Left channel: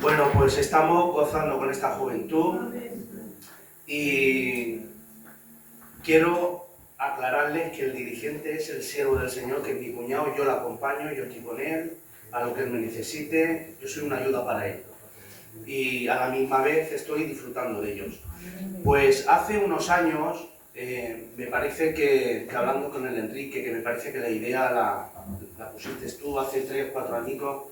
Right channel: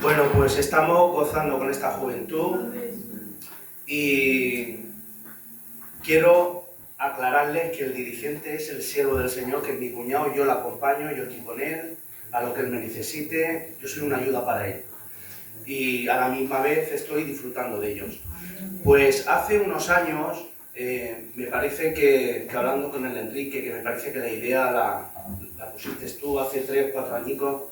Bueno, pues estamos gozando con esta juventud y quiero aclararles que el dirigente es el siervo del Señor, que es mi cuñado, yo lo acompaño, yo estoy con él, a lo que él me necesite, yo soy una ayuda para él. Y a la misma vez estoy disfrutando de ellos. Pues hace unos años, me parece que hablando con el Enrique, que me parece que la idea la pusiste tú hace 3 o 4 añicos,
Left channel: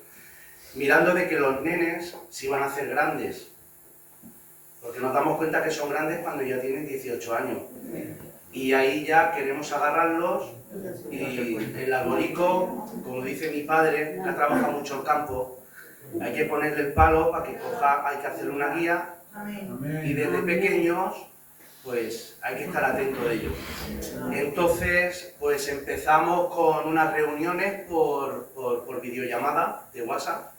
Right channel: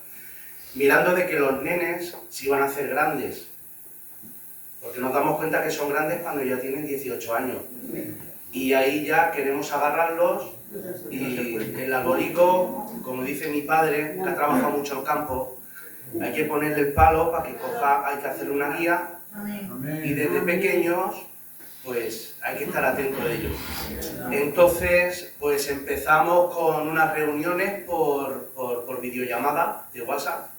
mirando de que los nenes se iban a hacer grandes, porque nos damos cuenta que son grandes cuando ya tienen 18 años. Y ahí ya queremos agarrarlos y el arbolico, como dice mi padre, que ha trabajado mucho el campo, hay que ponerle el palo para que coja, hay que hacerle una guía y desde pequeños pues hay que estar atento de ellos. Entonces pues empezamos con unas reuniones por videollamada de WhatsApp,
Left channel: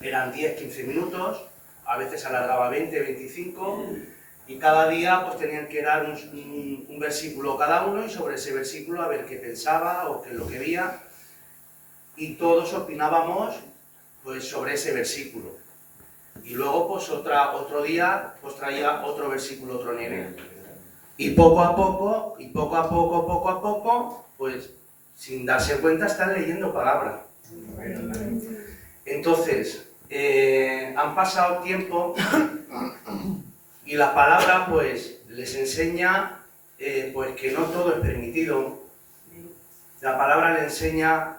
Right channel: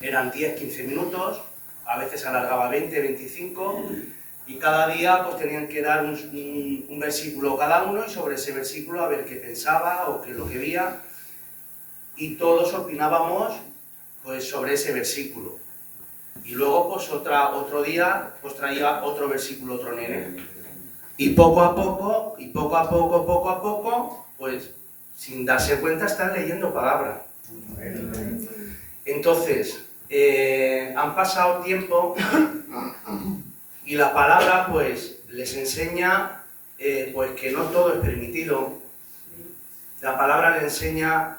eran 10-15 minutos, a veces alargaba 20-25 y cada día pues tenían que dar un versículo cada uno y sobre ese versículo a ver qué pensaba o qué es lo que veía y todos opinábamos pues sobre ese versículo. Y luego pues otro día pues traía otro versículo otro nene. Y poco a poco, pues sin darse cuenta están leyendo palabra. Entonces, han pasado tiempo y la palabra pues les enseña pues que no todo es permitido. La palabra le enseña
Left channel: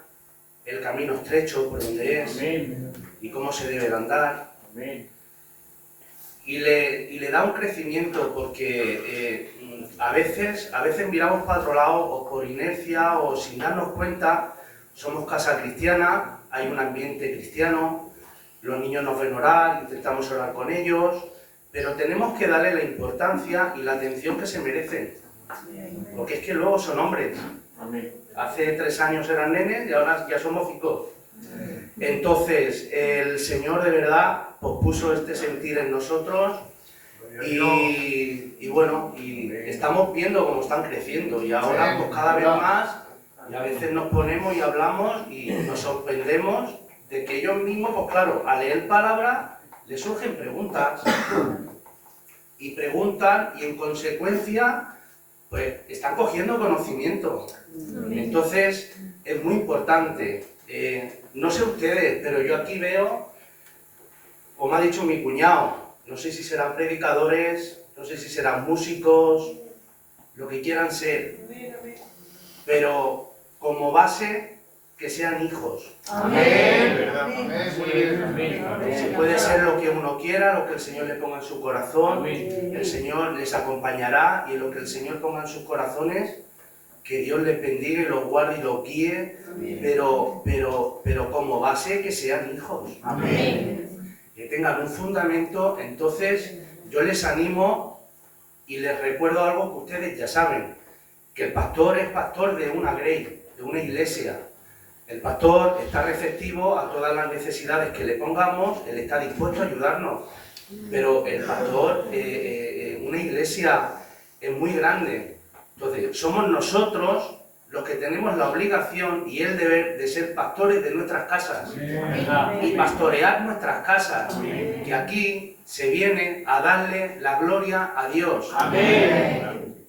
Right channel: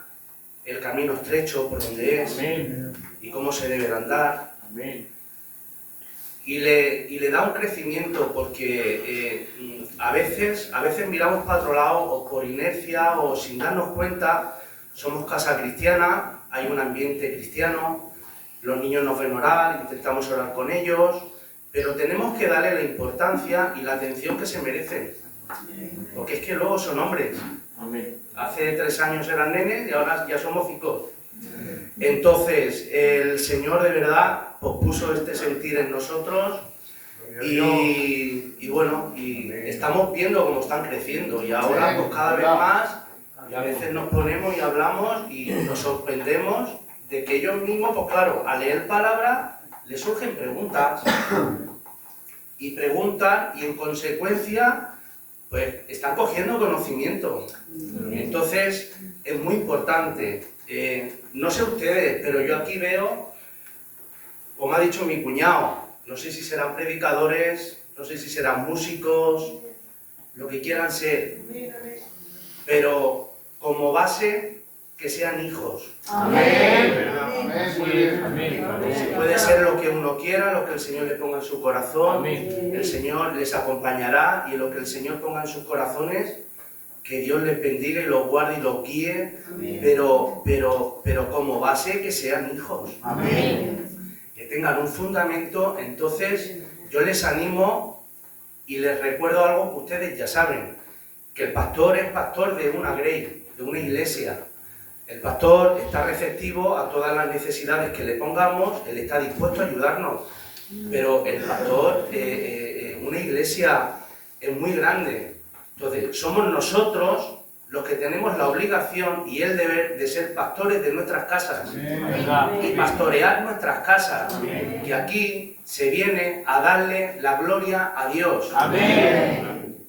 el camino estrecho por donde es y cómo se debe de andar. Y le da un crecimiento porque a veces miramos para otro lado o por inercia o sin darnos cuenta. Somos casa cristiana, hay un ambiente cristiano, los niños nos ven orar, intentamos orar con ellos, pero tenemos que darle la importancia y la atención que se merecen, porque es que luego son hombres. Hace 3 años eran nenes y ahora ya somos 5. Entonces, el Señor de verdad pues, puso este sentir en nosotros y bueno, y estamos viendo cómo están creciendo y ahora pues cada vez más y a veces nos ponemos y hablamos y nos sorprendemos de que ellos mismos, pues claro, al leer palabra les surgen preguntas y preguntan y en consecuencia pues están cogiendo conocimiento. Entonces es muy importante. No sé ustedes, pero yo aquí veo, como ha dicho mi cuñado, no sé si serán predicadores, no sé si serán músicos, lo que quieran ser, pero como base que sean hijos. Amén. Puede ser lo que uno quiera, lo que el Señor le ponga en su corazón, el Señor les acompañará y lo que el Señor ponga en sus corazones, que Dios les bendiga y los guarde y los guíe, pero como base que sean hijos. Amén. Que tengan un fundamento. Entonces yo les animo y les recuerdo algo que ustedes ya saben, que el pastor es pastor de una grey, de una iglesia. El pastor está receptivo a todas las necesidades que le pongamos, él está dispuesto a ayudarnos, pero el pastor, una iglesia es muy grande. Entonces, somos nosotros los que tenemos la obligación y el deber de ser pastores de nuestras casas y pastorear nuestras casas, que aquí se viene a darle la gloria a Dios.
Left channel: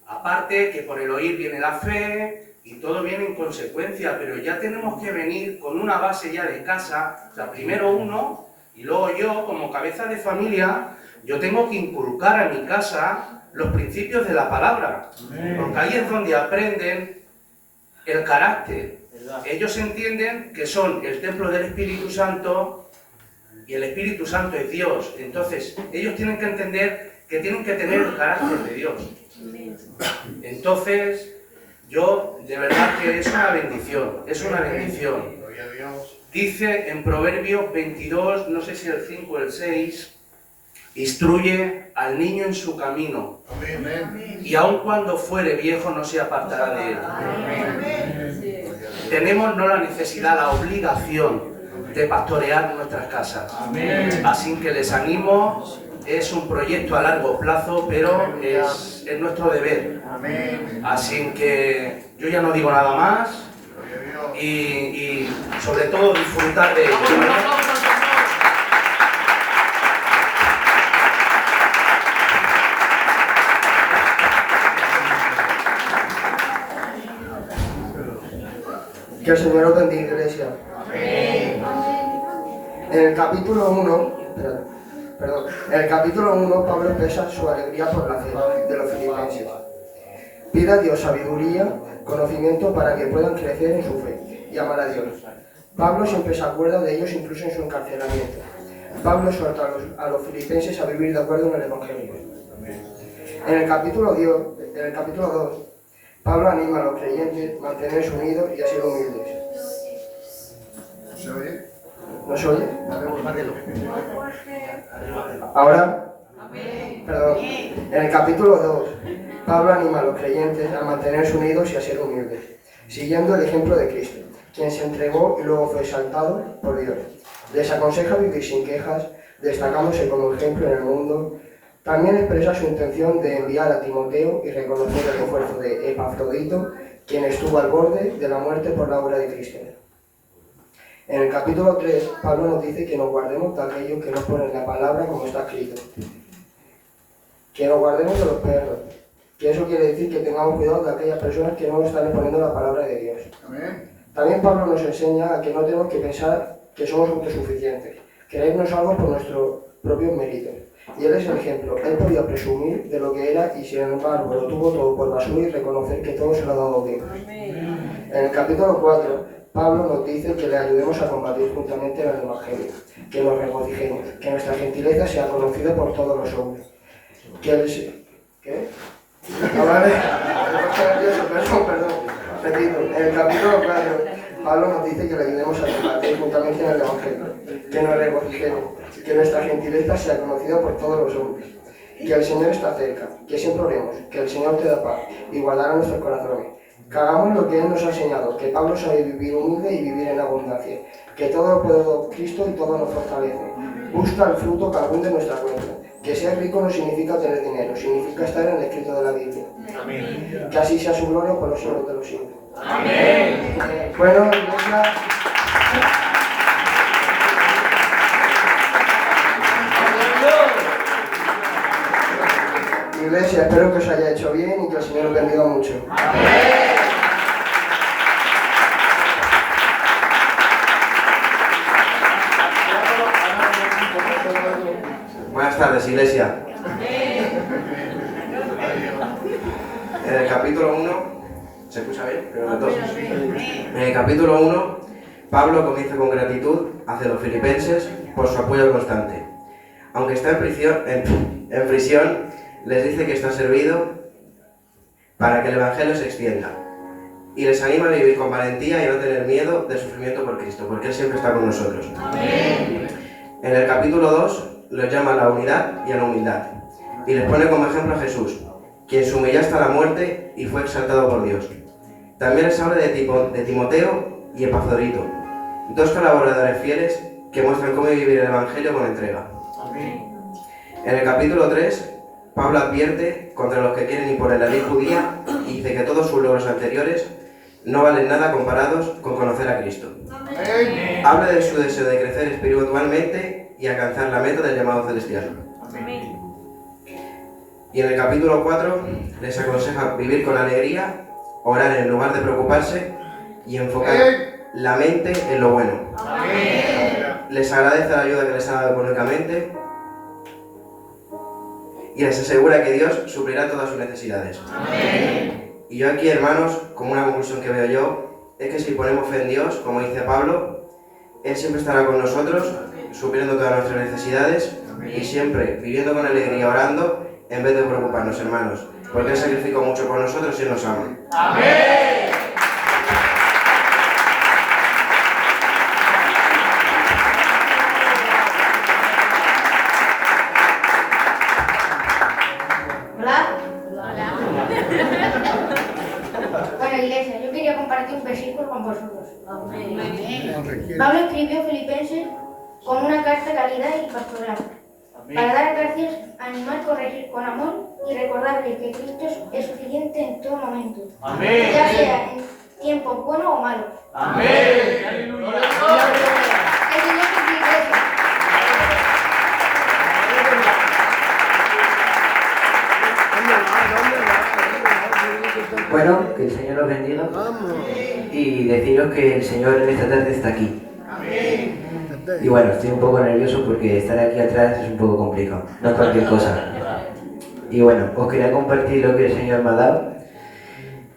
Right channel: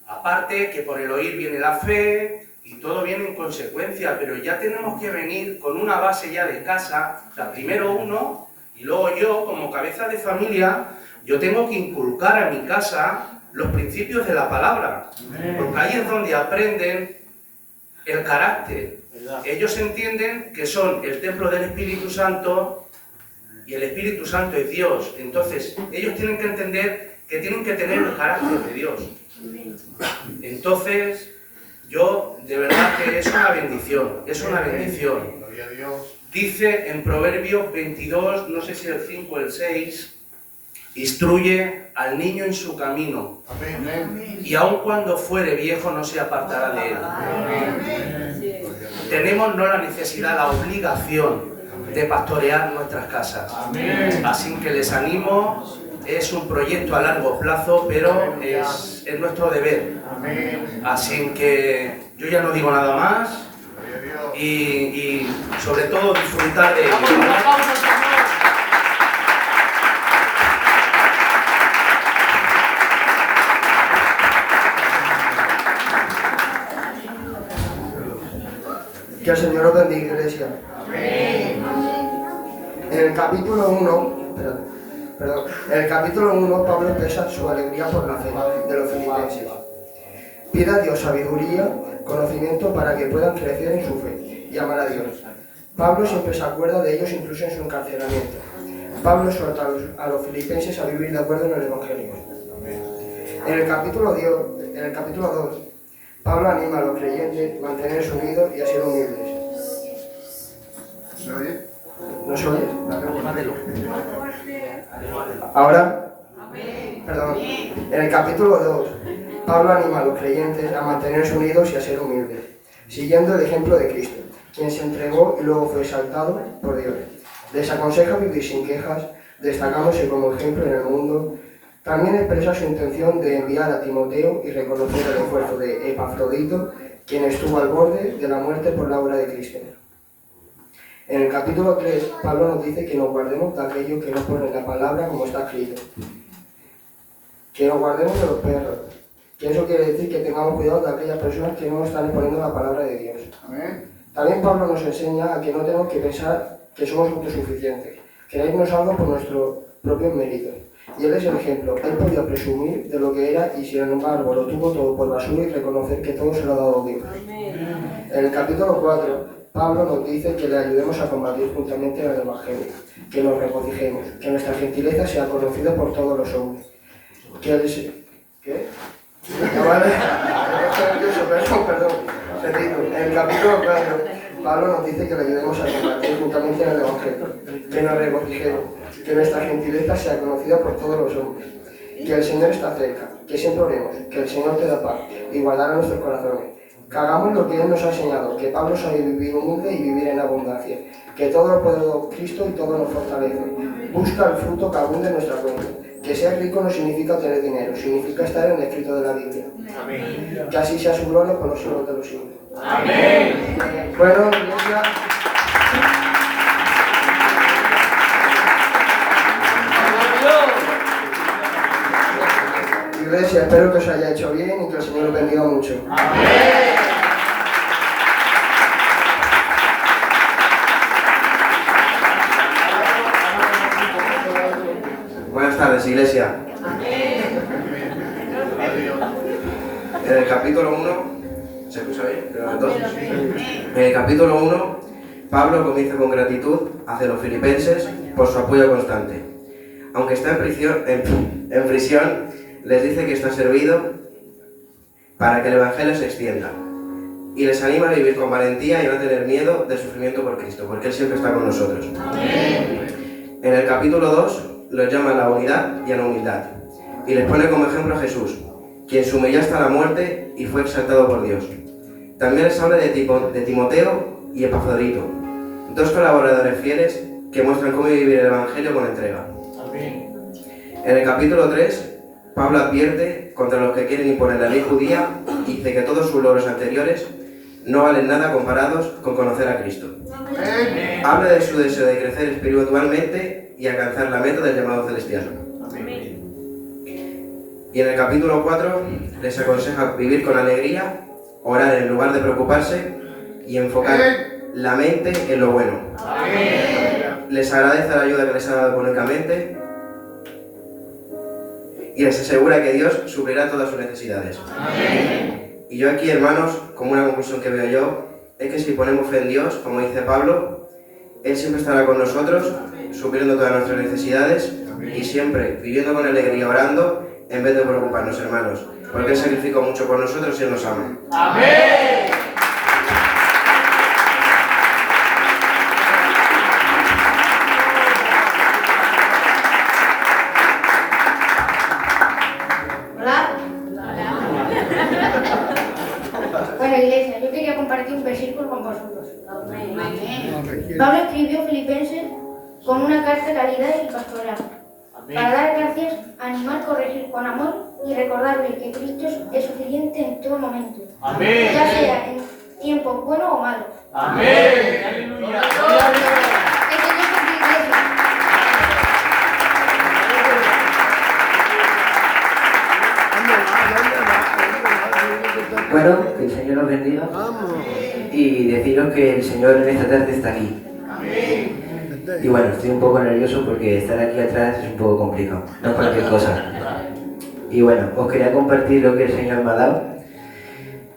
Aparte que por el oír viene la fe y todo viene en consecuencia, pero ya tenemos que venir con una base ya de casa, o sea, primero uno y luego yo como cabeza de familia, yo tengo que inculcar a mi casa los principios de la palabra, porque ahí es donde aprenden el carácter. Ellos entienden que son el templo del Espíritu Santo y el Espíritu Santo es Dios. Entonces, ellos tienen que entender que tienen que tener el carácter de Dios. Entonces, yo, de verdad que es una bendición, es una bendición. Dice en Proverbios 22, no sé si el 5 o el 6, instruye al niño en su camino, y aun cuando fuere viejo no se apartará de él. Tenemos no la necesidad, la obligación de pastorear nuestras casas. Así que les animo, es un proyecto a largo plazo, pero es nuestro deber. Así que yo ya no digo nada más y sobre todo disfrutar de ello. el Señor os bendiga, iglesia. En el capítulo 1, Pablo expresa su alegría por la fe de los filipenses. Pide a Dios sabiduría, conocimiento para que puedan crecer en su fe y amar a Dios. Pablo siempre se acuerda de ellos incluso en su encarcelamiento. Pablo exhorta a los filipenses a vivir de acuerdo en el Evangelio. En el capítulo 2, Pablo anima a los creyentes a mantenerse unidos y a ser humildes. ¿Se oye? ¿No se oye? Ahora, perdón. En el capítulo 2, Pablo anima a los creyentes a mantenerse unidos y a ser humildes, siguiendo el ejemplo de Cristo, quien se entregó y luego fue exaltado por Dios. Les aconseja vivir sin quejas, destacándose como ejemplo en el mundo. También expresa su intención de enviar a Timoteo y reconocer el esfuerzo de Epafrodito, quien estuvo al borde de la muerte por la obra de Cristo. En el capítulo 3, Pablo nos dice que nos guardemos de aquello que no pone en la palabra como está escrito. Que nos guardemos de los perros. Que eso quiere decir que tengamos cuidado de aquellas personas que no están exponiendo la palabra de Dios. También Pablo nos enseña a que no tenemos que pensar que somos autosuficientes, creernos algo por nuestros propios méritos. Y él es el ejemplo. Él podía presumir de lo que era y sin embargo lo tuvo todo por basura y reconocer que todo se lo ha dado Dios. En el capítulo 4, Pablo nos dice que le ayudemos a combatir juntamente el Evangelio, que nos regocijemos, que nuestra gentileza sea conocida por todos los hombres. ¿Qué? Vale. Perdón. Repito. En el capítulo 4, Pablo nos dice que le ayudemos a combatir juntamente en el Evangelio, que nos regocijemos, que nuestra gentileza sea conocida por todos los hombres, que el Señor está cerca, que siempre oremos, que el Señor te da paz y guardará nuestros corazones, que hagamos lo que Él nos ha enseñado, que Pablo sabe vivir humilde y vivir en abundancia, que todo lo puede Cristo y todo nos fortalece. Busca el fruto que abunde en nuestra cuenta. Que ser rico no significa tener dinero, significa estar en el escrito de la Biblia. Amén. Que así sea su gloria por los siglos de los siglos. Amén. Bueno, iglesia. Iglesia, espero que os haya hecho bien y que el Señor os bendiga mucho. Amén. Buenas tardes, iglesia. En el capítulo 1, ¿se escucha bien? En el capítulo 1, Pablo comienza con gratitud hacia los filipenses por su apoyo constante. Aunque está en prisión, les dice que está servido para que el Evangelio se extienda. Y les anima a vivir con valentía y no tener miedo del sufrimiento por Cristo, porque Él siempre está con nosotros. Amén. En el capítulo 2, los llama a la unidad y a la humildad, y les pone como ejemplo a Jesús, quien se humilló hasta la muerte y fue exaltado por Dios. También les habla de Timoteo y Epafrodito, dos colaboradores fieles que muestran cómo vivir el Evangelio con entrega. Amén. En el capítulo 3, Pablo advierte contra los que quieren imponer la ley judía y dice que todos sus logros anteriores no valen nada comparados con conocer a Cristo. Amén. Habla de su deseo de crecer espiritualmente y alcanzar la meta del llamado celestial. Amén. Y en el capítulo 4 les aconseja vivir con alegría, orar en lugar de preocuparse y enfocar la mente en lo bueno. Amén. Les agradece la ayuda que les ha dado económicamente y les asegura que Dios suplirá todas sus necesidades. Amén. Y yo aquí, hermanos, como una conclusión que veo yo, es que si ponemos fe en Dios, como dice Pablo, Él siempre estará con nosotros, supliendo todas nuestras necesidades. Amén. Y siempre viviendo con alegría, orando, en vez de preocuparnos, hermanos, porque Él sacrificó mucho por nosotros y Él nos ama. Amén. Bueno, iglesia, yo quería compartir un versículo con vosotros. Pablo escribió Filipenses con una carta de caridad y pastoral, para dar gracias, animar, corregir con amor y recordarles que Cristo es suficiente en todo momento, Amén. Ya sea en tiempos buenos o malos. Amén. ¿Dónde va? Bueno, que el Señor los bendiga y deciros que el Señor en esta tarde está aquí. Y bueno, estoy un poco nervioso porque estar aquí atrás es un poco complicado, no es cualquier cosa. Y bueno, os quería compartir lo que el Señor me ha dado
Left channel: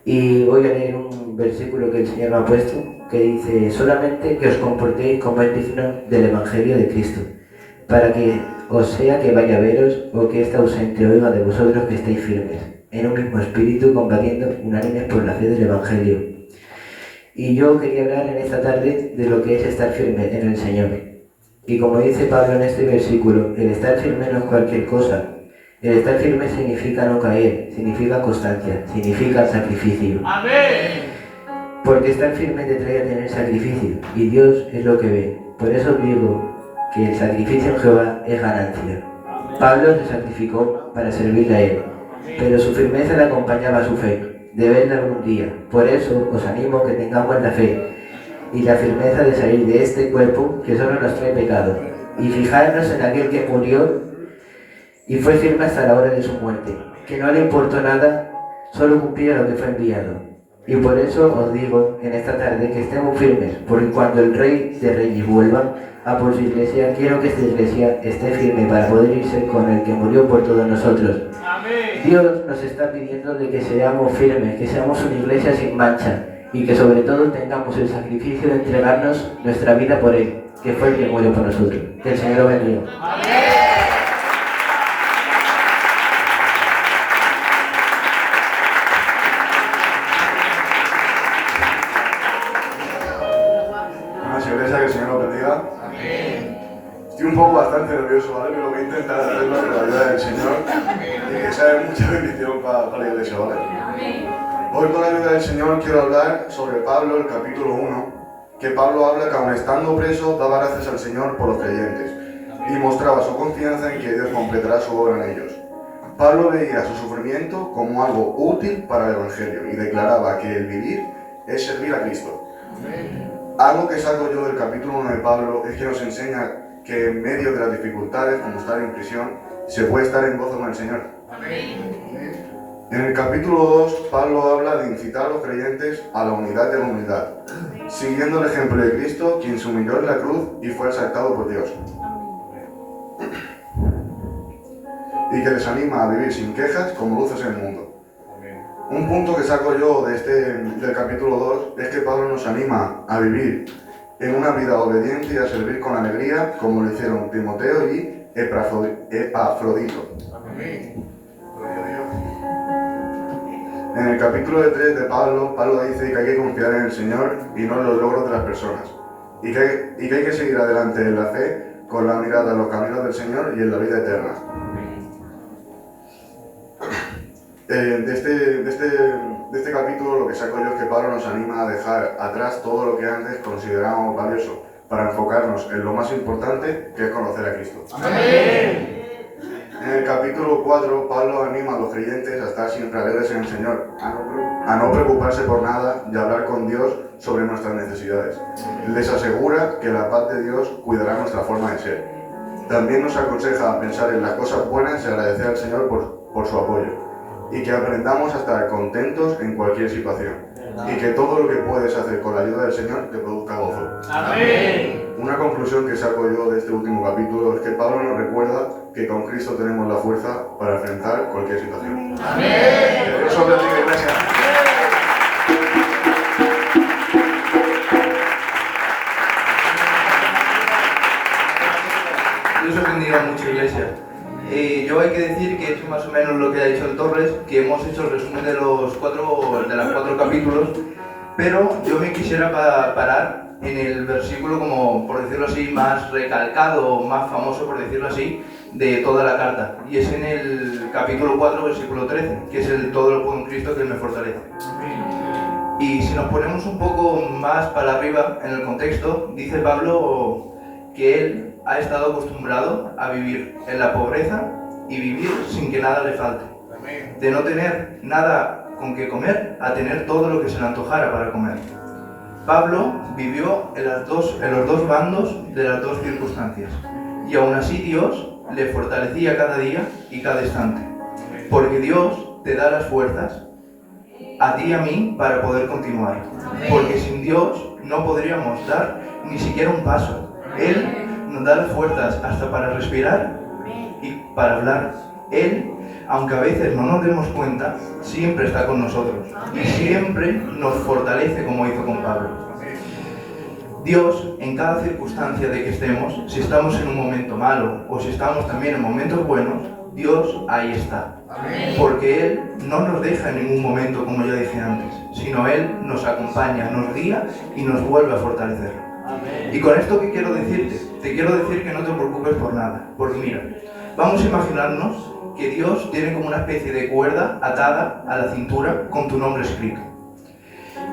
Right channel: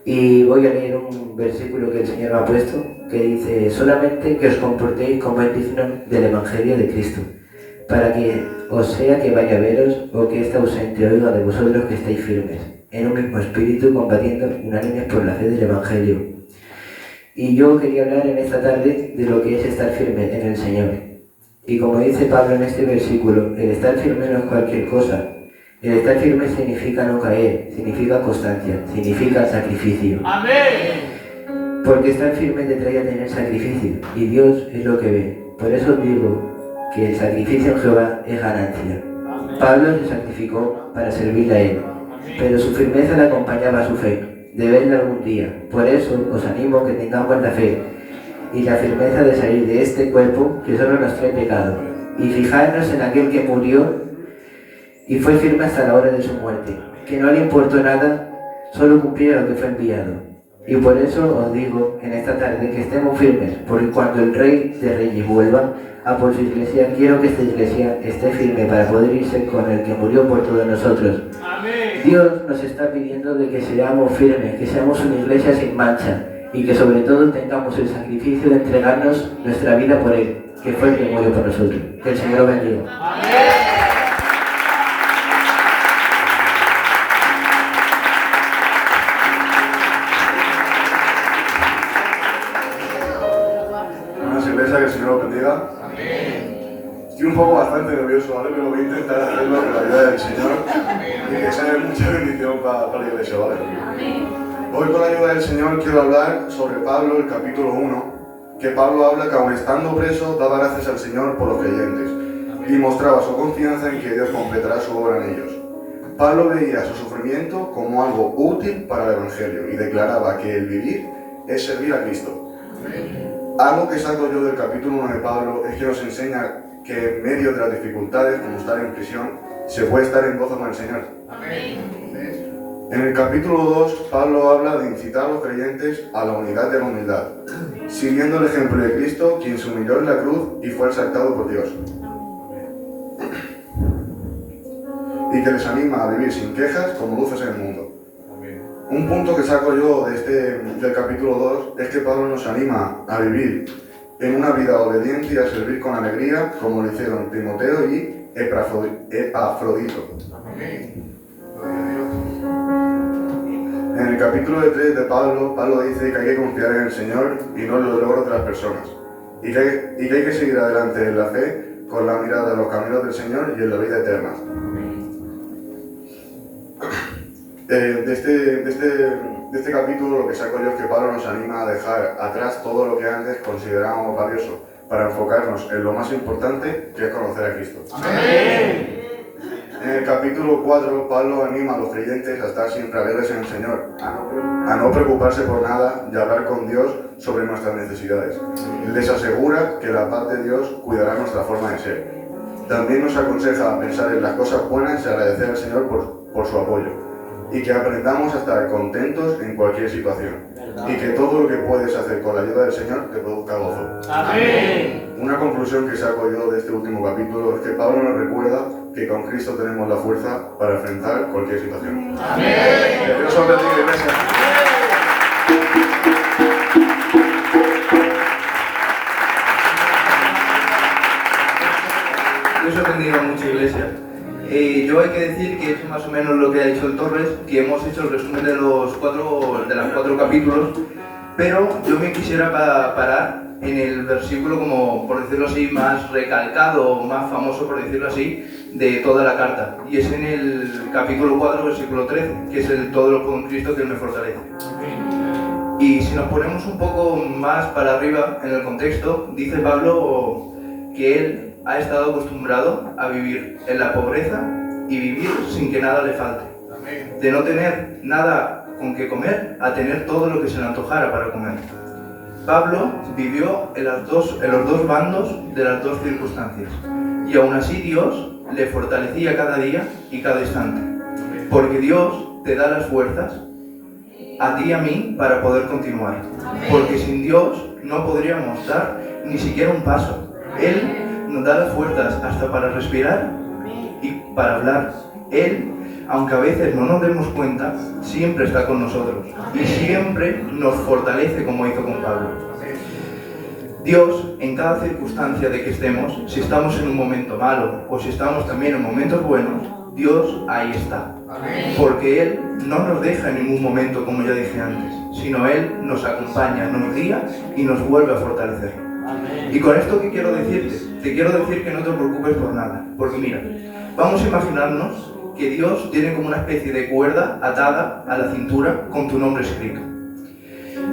y voy a leer un versículo que el Señor me ha puesto que dice: solamente que os comportéis como es digno del Evangelio de Cristo, para que os sea que vaya a veros o que esta ausente oiga de vosotros que estáis firmes, en un mismo espíritu, combatiendo unánimes por la fe del Evangelio. Y yo quería hablar en esta tarde de lo que es estar firme en el Señor. Y como dice Pablo en este versículo, el estar firme no es cualquier cosa. El estar firme significa no caer, significa constancia, significa sacrificio. Amén. Porque estar firme te trae a tener sacrificio, y Dios es lo que ve. Por eso os digo que el sacrificio en Jehová es ganancia. Pablo se sacrificó para servirle a él, pero su firmeza le acompañaba a su fe, de verla algún día. Por eso os animo que tengamos la fe y la firmeza de salir de este cuerpo que solo nos trae pecado, y fijarnos en aquel que murió y fue firme hasta la hora de su muerte, que no le importó nada, solo cumpliera lo que fue enviado. Y por eso os digo en esta tarde que estemos firmes, porque cuando el Rey de Reyes vuelva a por su iglesia, quiero que esta iglesia esté firme para poder irse con el que murió por todos nosotros. Amén. Dios nos está pidiendo de que seamos firmes, que seamos una iglesia sin mancha y que sobre todo tengamos el sacrificio de entregarnos nuestra vida por Él, que fue el que murió por nosotros. Que el Señor os bendiga. Vamos, iglesia, que el Señor os bendiga. Estoy un poco bastante nervioso, ¿vale? Pero voy a intentar hacerlo con la ayuda del Señor y que sea de mucha bendición para la iglesia, ¿vale? Hoy con la ayuda del Señor quiero hablar sobre Pablo, el capítulo 1, que Pablo habla que aun estando preso daba gracias al Señor por los creyentes y mostraba su confianza en que Dios completará su obra en ellos. Pablo veía su sufrimiento como algo útil para el Evangelio y declaraba que el vivir es servir a Cristo. Algo que saco yo del capítulo 1 de Pablo es que nos enseña que en medio de las dificultades, como estar en prisión, se puede estar en gozo con el Señor. En el capítulo 2, Pablo habla de incitar a los creyentes a la unidad de la humildad, siguiendo el ejemplo de Cristo, quien se humilló en la cruz y fue exaltado por Dios. Y que les anima a vivir sin quejas como luces en el mundo. Un punto que saco yo del capítulo 2 es que Pablo nos anima a vivir en una vida obediente y a servir con alegría, como lo hicieron Timoteo y Epafrodito. En el capítulo 3 de Pablo dice que hay que confiar en el Señor y no en los logros de las personas, y que hay que seguir adelante en la fe con la mirada a los caminos del Señor y en la vida eterna. De este capítulo lo que saco yo es que Pablo nos anima a dejar atrás todo lo que antes considerábamos valioso para enfocarnos en lo más importante, que es conocer a Cristo. Amén. En el capítulo 4, Pablo anima a los creyentes a estar siempre alegres en el Señor, a no preocuparse por nada y a hablar con Dios sobre nuestras necesidades. Les asegura que la paz de Dios cuidará nuestra forma de ser. También nos aconseja pensar en las cosas buenas y agradecer al Señor por su apoyo, y que aprendamos a estar contentos en cualquier situación, y que todo lo que puedes hacer con la ayuda del Señor te produzca gozo. Amén. Una conclusión que saco yo de este último capítulo es que Pablo nos recuerda que con Cristo tenemos la fuerza para enfrentar cualquier situación. Amén. Que Dios os bendiga, iglesia. Dios os bendiga mucho, iglesia. Yo hay que decir que he hecho más o menos lo que ha dicho el Torres, que hemos hecho el resumen de los cuatro capítulos, pero yo me quisiera parar en el versículo, como por decirlo así, más recalcado, más famoso, por decirlo así, de toda la carta. Y es en el capítulo 4, versículo 13, que es el todo lo puedo en Cristo que Él me fortalece. Y si nos ponemos un poco más para arriba en el contexto, dice Pablo que él ha estado acostumbrado a vivir en la pobreza y vivir sin que nada le falte. De no tener nada con que comer a tener todo lo que se le antojara para comer. Pablo vivió en los dos bandos de las dos circunstancias, y aún así Dios le fortalecía cada día y cada instante, porque Dios te da las fuerzas a ti y a mí para poder continuar. Porque sin Dios no podríamos dar ni siquiera un paso. Él nos da las fuerzas hasta para respirar y para hablar. Él, aunque a veces no nos demos cuenta, siempre está con nosotros y siempre nos fortalece como hizo con Pablo. Dios, en cada circunstancia de que estemos, si estamos en un momento malo o si estamos también en momentos buenos, Dios ahí está. Porque Él no nos deja en ningún momento, como ya dije antes, sino Él nos acompaña, nos guía y nos vuelve a fortalecer. Y con esto, ¿qué quiero decirte? Te quiero decir que no te preocupes por nada. Porque mira, vamos a imaginarnos que Dios tiene como una especie de cuerda atada a la cintura con tu nombre escrito.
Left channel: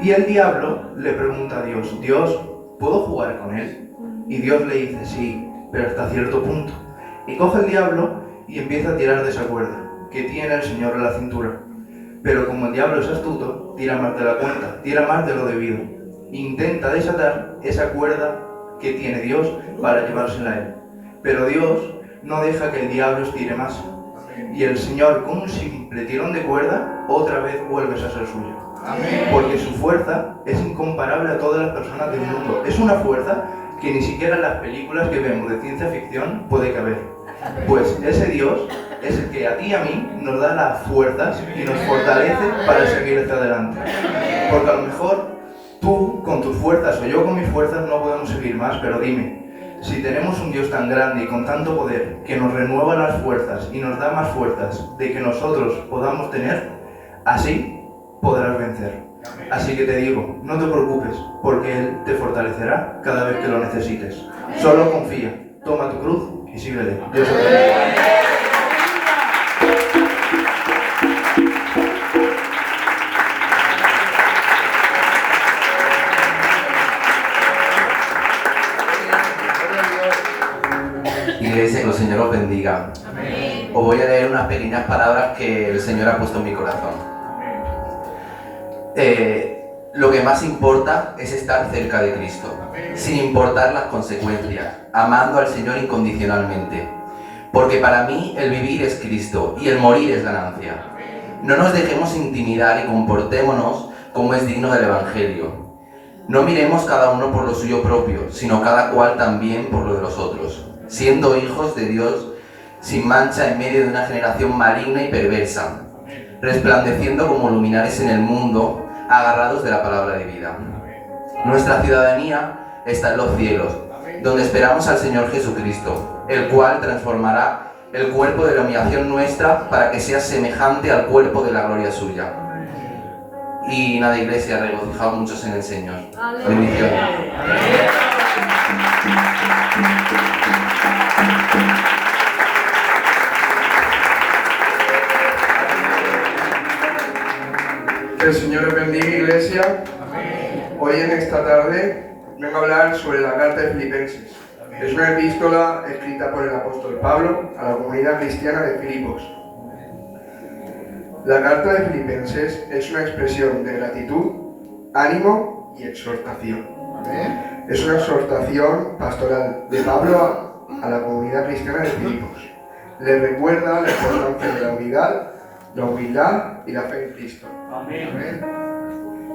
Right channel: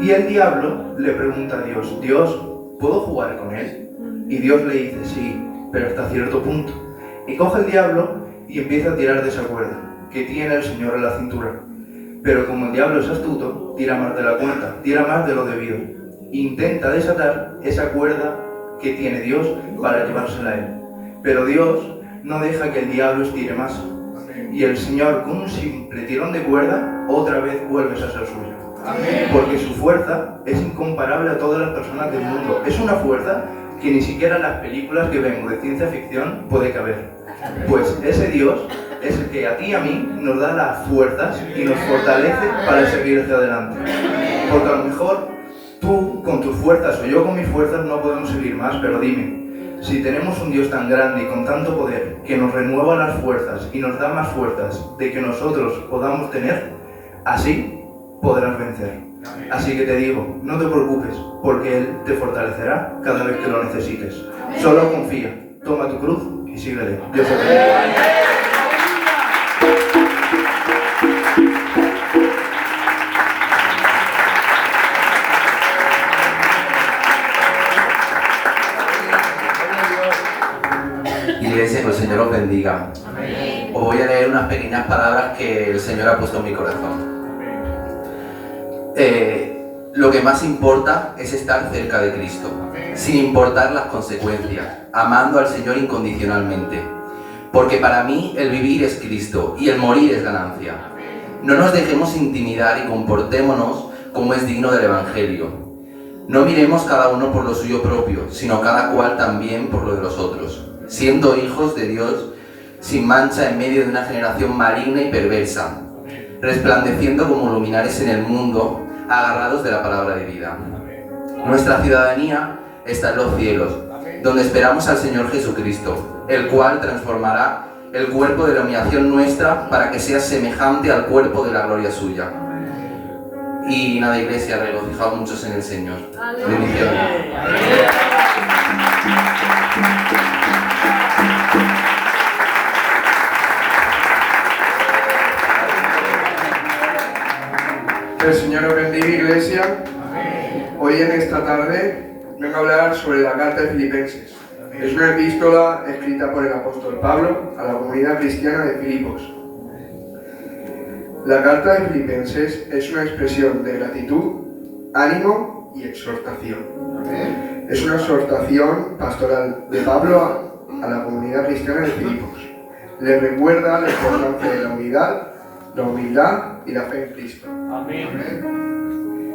Y el diablo le pregunta a Dios, Dios, ¿puedo jugar con él? Y Dios le dice, sí, pero hasta cierto punto. Y coge el diablo y empieza a tirar de esa cuerda que tiene el Señor en la cintura. Pero como el diablo es astuto, tira más de la cuenta, tira más de lo debido. Intenta desatar esa cuerda que tiene Dios para llevársela a él. Pero Dios no deja que el diablo estire más. Y el Señor, con un simple tirón de cuerda, otra vez vuelves a ser suyo. Porque su fuerza es incomparable a todas las personas del mundo. Es una fuerza que ni siquiera en las películas que vemos de ciencia ficción puede caber. Pues ese Dios es el que a ti y a mí nos da las fuerzas y nos fortalece para seguir hacia adelante. Porque a lo mejor tú con tus fuerzas o yo con mis fuerzas no podemos seguir más, pero dime, si tenemos un Dios tan grande y con tanto poder que nos renueva las fuerzas y nos da más fuerzas de que nosotros podamos tener, así podrás vencer. Así que te digo, no te preocupes, porque Él te fortalecerá cada vez que lo necesites. Solo confía, toma tu cruz y síguele. Dios te bendiga. Iglesia, que el Señor os bendiga. Os voy a leer unas pequeñas palabras que el Señor ha puesto en mi corazón. Lo que más importa es estar cerca de Cristo, sin importar las consecuencias, amando al Señor incondicionalmente. Porque para mí el vivir es Cristo y el morir es ganancia. No nos dejemos intimidar y comportémonos como es digno del Evangelio. No miremos cada uno por lo suyo propio, sino cada cual también por lo de los otros, siendo hijos de Dios sin mancha en medio de una generación maligna y perversa, resplandeciendo como luminares en el mundo, agarrados de la palabra de vida. Nuestra ciudadanía está en los cielos, donde esperamos al Señor Jesucristo, el cual transformará el cuerpo de la humillación nuestra para que sea semejante al cuerpo de la gloria suya. Y nada, Iglesia, regocijaos muchos en el Señor. Bendiciones. Que el Señor os bendiga, Iglesia. Hoy en esta tarde vengo a hablar sobre la carta de Filipenses. Es una epístola escrita por el apóstol Pablo a la comunidad cristiana de Filipos. La carta de Filipenses es una expresión de gratitud, ánimo y exhortación. Es una exhortación pastoral de Pablo a la comunidad cristiana de Filipos. Le recuerda la importancia de la humildad y la fe en Cristo.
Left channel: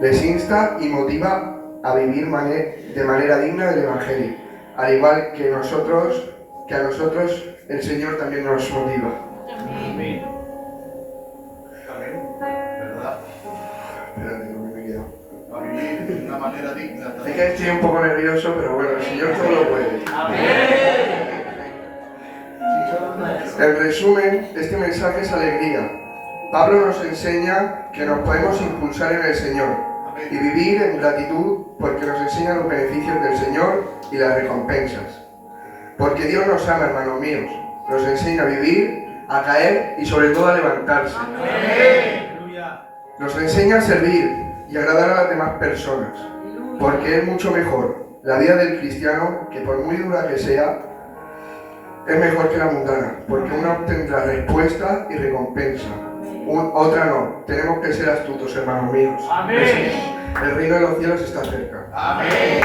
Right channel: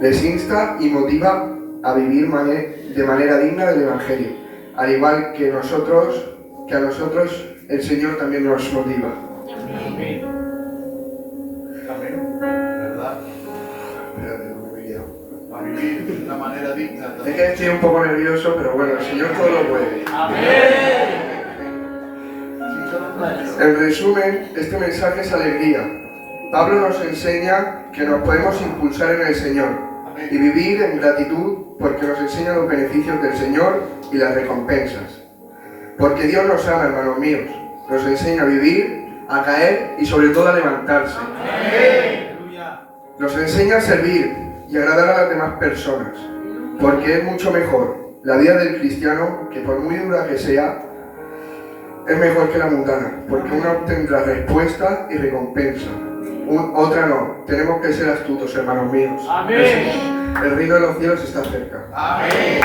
Les insta y motiva a vivir de manera digna del Evangelio, al igual que a nosotros el Señor también nos motiva. Amén. ¿Verdad? Espérate, no me he quedado. A vivir de una manera digna. Es que estoy un poco nervioso, pero bueno, el Señor todo lo puede. En resumen, este mensaje es alegría. Pablo nos enseña que nos podemos impulsar en el Señor y vivir en gratitud porque nos enseña los beneficios del Señor y las recompensas. Porque Dios nos ama, hermanos míos. Nos enseña a vivir, a caer y sobre todo a levantarse. Nos enseña a servir y agradar a las demás personas. Porque es mucho mejor la vida del cristiano, que por muy dura que sea, es mejor que la mundana. Porque una obtendrá respuesta y recompensa. Otra no. Tenemos que ser astutos, hermanos míos. Amén. El reino de los cielos está cerca. Amén.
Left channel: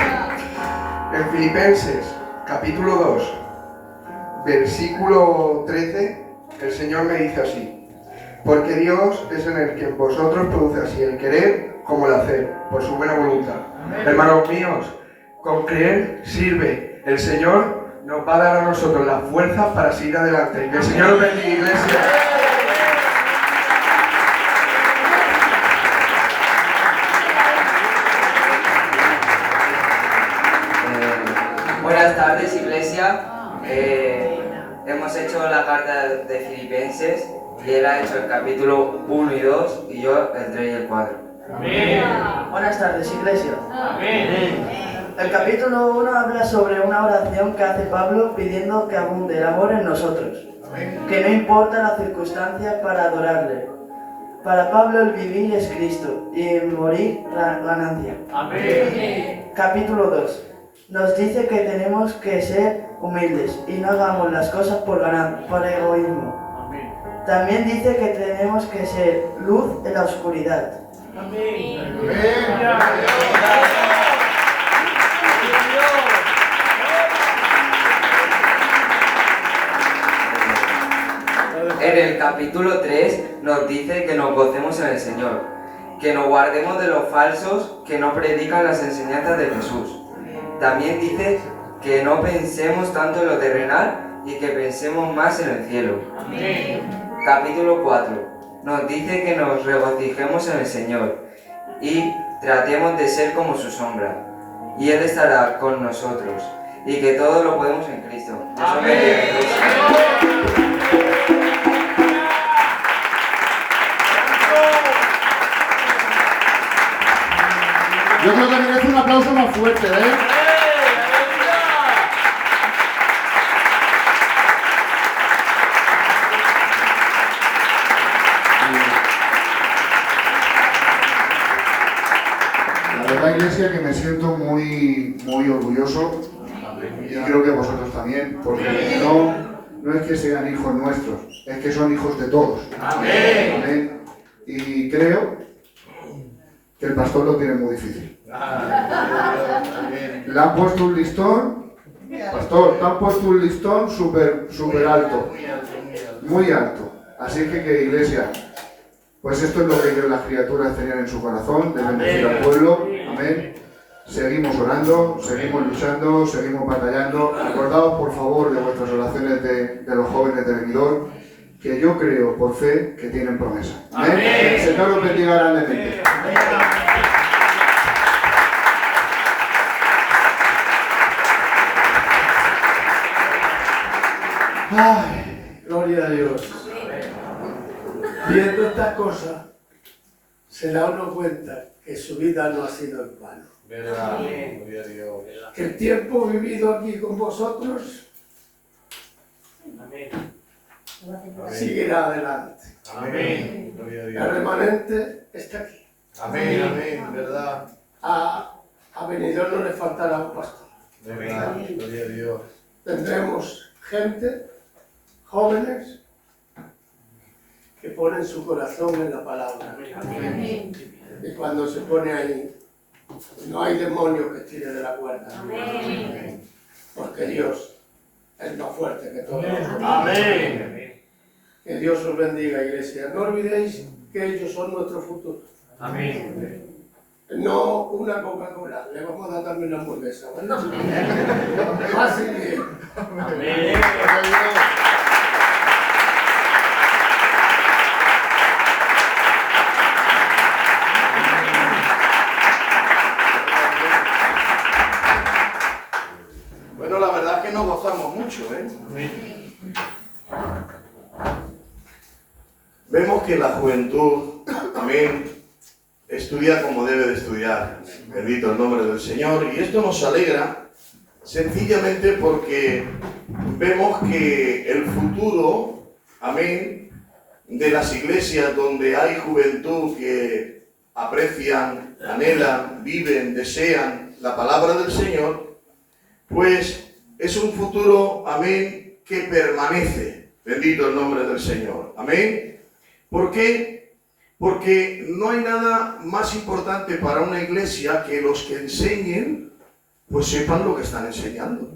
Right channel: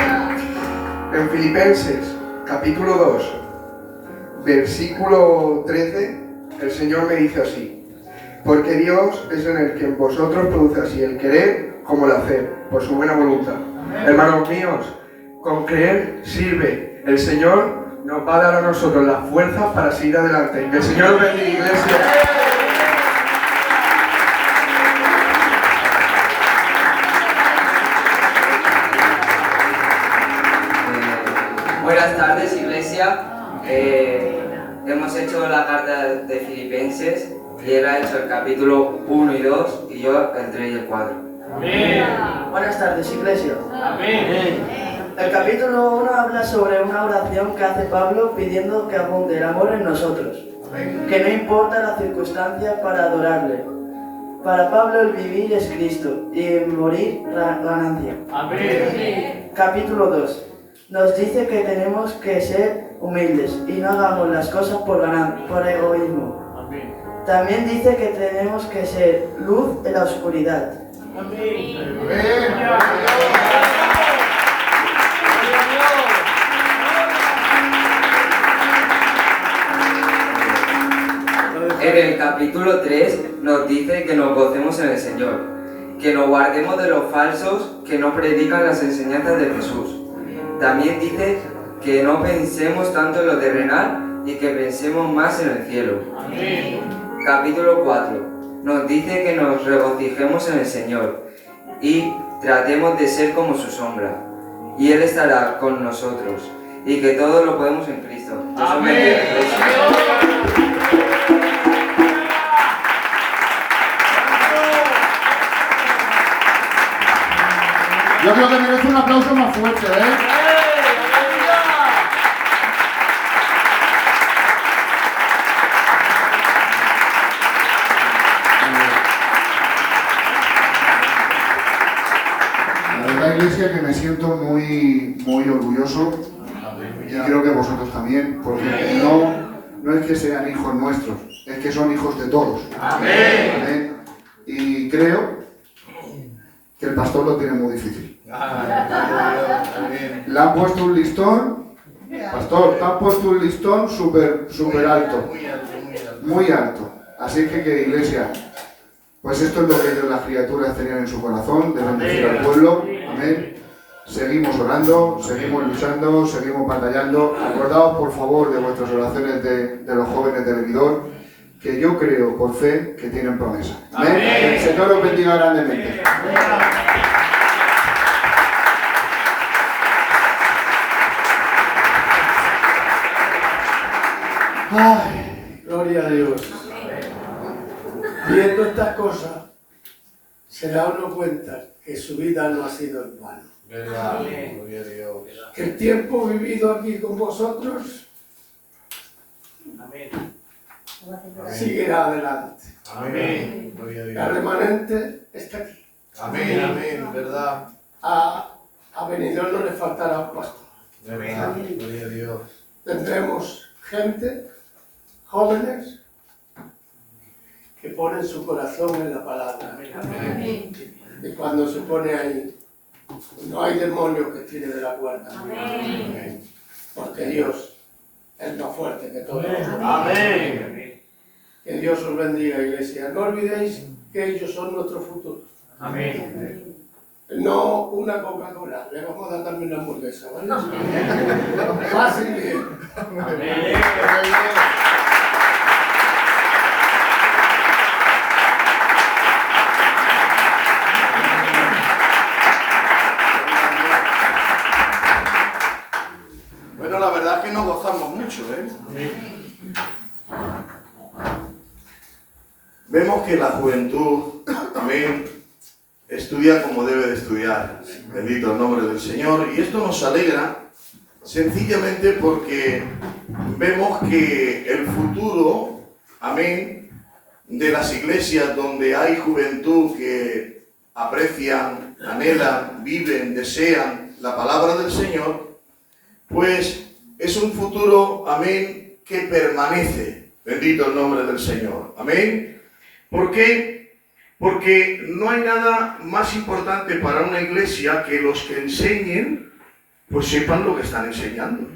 En Filipenses, capítulo 2, versículo 13, el Señor me dice así: porque Dios es en el que en vosotros produce así el querer como el hacer, por su buena voluntad. Hermanos míos, con creer sirve. El Señor nos va a dar a nosotros las fuerzas para seguir adelante. Que el Señor os bendiga, iglesia. Buenas tardes, iglesia. Hemos hecho la carta de Filipenses y él ha hecho el capítulo 1 y 2 y yo el 3 y el 4. Buenas tardes, iglesia. El capítulo 1 habla sobre una oración que hace Pablo pidiendo que abunde el amor en nosotros, que no importa la circunstancia para adorarle. Para Pablo el vivir es Cristo y el morir la ganancia. Capítulo 2 nos dice que tenemos que ser humildes y no hagamos las cosas por egoísmo. También dice que tenemos que ser luz en la oscuridad. En el capítulo 3 nos dice que nos gocemos en el Señor, que nos guardemos de los falsos que no predican las enseñanzas de Jesús. También dice que no pensemos tanto en lo terrenal y que pensemos más en el cielo. Capítulo 4 nos dice que nos regocijemos en el Señor y tratemos de ser como su sombra, y Él estará con nosotros, y que todo lo podemos en Cristo. Yo creo que merece un aplauso más fuerte, ¿eh? La verdad, iglesia, que me siento muy orgulloso, y creo que vosotros también, porque no es que sean hijos nuestros, es que son hijos de todos. Amén. Amén. Y creo que el pastor lo tiene muy difícil. Le han puesto un listón, pastor, te han puesto un listón súper alto, muy alto. Así que iglesia, pues esto es lo que las criaturas tenían en su corazón, de bendecir al pueblo. Amén. Seguimos orando, seguimos luchando, seguimos batallando. Acordaos por favor de vuestras oraciones de los jóvenes de Vividor, que yo creo por fe que tienen promesa. Amén. Que el Señor os bendiga grandemente. Ay, gloria a Dios. Viendo estas cosas, se da uno cuenta que su vida no ha sido en vano. El tiempo vivido aquí con vosotros seguirá adelante. Amén. El remanente está aquí. Amén, amén, verdad. A Benidorm no le faltará un pastor. Verdad, gloria a Dios. Tendremos gente, jóvenes, que ponen su corazón en la palabra. Amén. Y cuando se pone ahí, no hay demonio que tire de la cuerda. Amén. Porque Dios es más fuerte que todo. Amén. Que Dios os bendiga, iglesia. No olvidéis que ellos son nuestro futuro. Amén. No una Coca-Cola, le vamos a dar también una hamburguesa, ¿vale? Fácil y bien. Amén. Bueno, la verdad es que nos gozamos mucho, ¿eh? Vemos que la juventud, amén, estudia como debe de estudiar. Bendito el nombre del Señor. Y esto nos alegra sencillamente porque vemos que el futuro, amén, de las iglesias donde hay juventud que aprecian, anhelan, viven, desean la palabra del Señor, pues es un futuro, amén, que permanece. Bendito el nombre del Señor. Amén. ¿Por qué? Porque no hay nada más importante para una iglesia que los que enseñen, pues sepan lo que están enseñando.